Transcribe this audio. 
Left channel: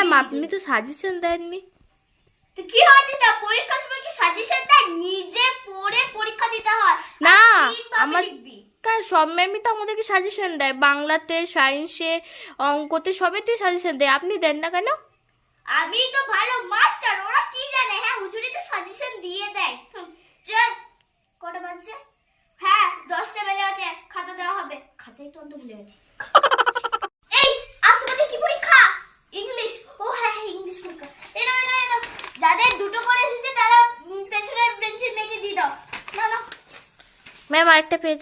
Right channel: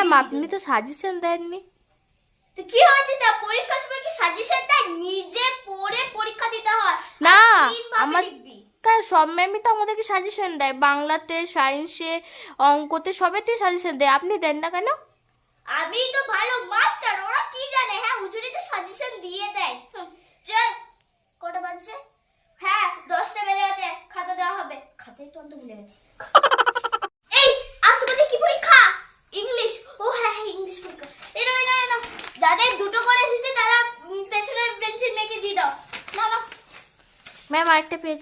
Ma'am আপনি তো suggestion দেননি। তো কি হয়েছে, তা পরীক্ষার সময় কি সাজেশন দেয়? নিজে পড়ে পরীক্ষা দিতে হয় না আমার কারণ সব ম্যামই তো আমাদেরকে সাজেশন দেয়, বাংলাতে, সায়েন্সে, অঙ্কতে, সবেতেই সাজেশন দেয়, আপনি দেন না কেন? আমি তো ভালো মাস্টার, ওরা কি জানে? হ্যাঁ হুজুরি তো সাজেশন দিয়ে দেয়। চল কটা বাজছে? হ্যাঁ 10টা বেজে গেছে, খাতা দেওয়া হবে। খাতাই তো অন্ত ভুলে গেছি। এই আজ তোমাদের কি পরীক্ষা? ইংলিশ। ও হ্যাঁ হ্যাঁ ইংলিশ পরীক্ষা। এনো যাদের দুটো করে এসেছে তারা পেছনের বেঞ্চে মেকে দিয়ে দাও। না না ম্যাম আরেকটা পেজ।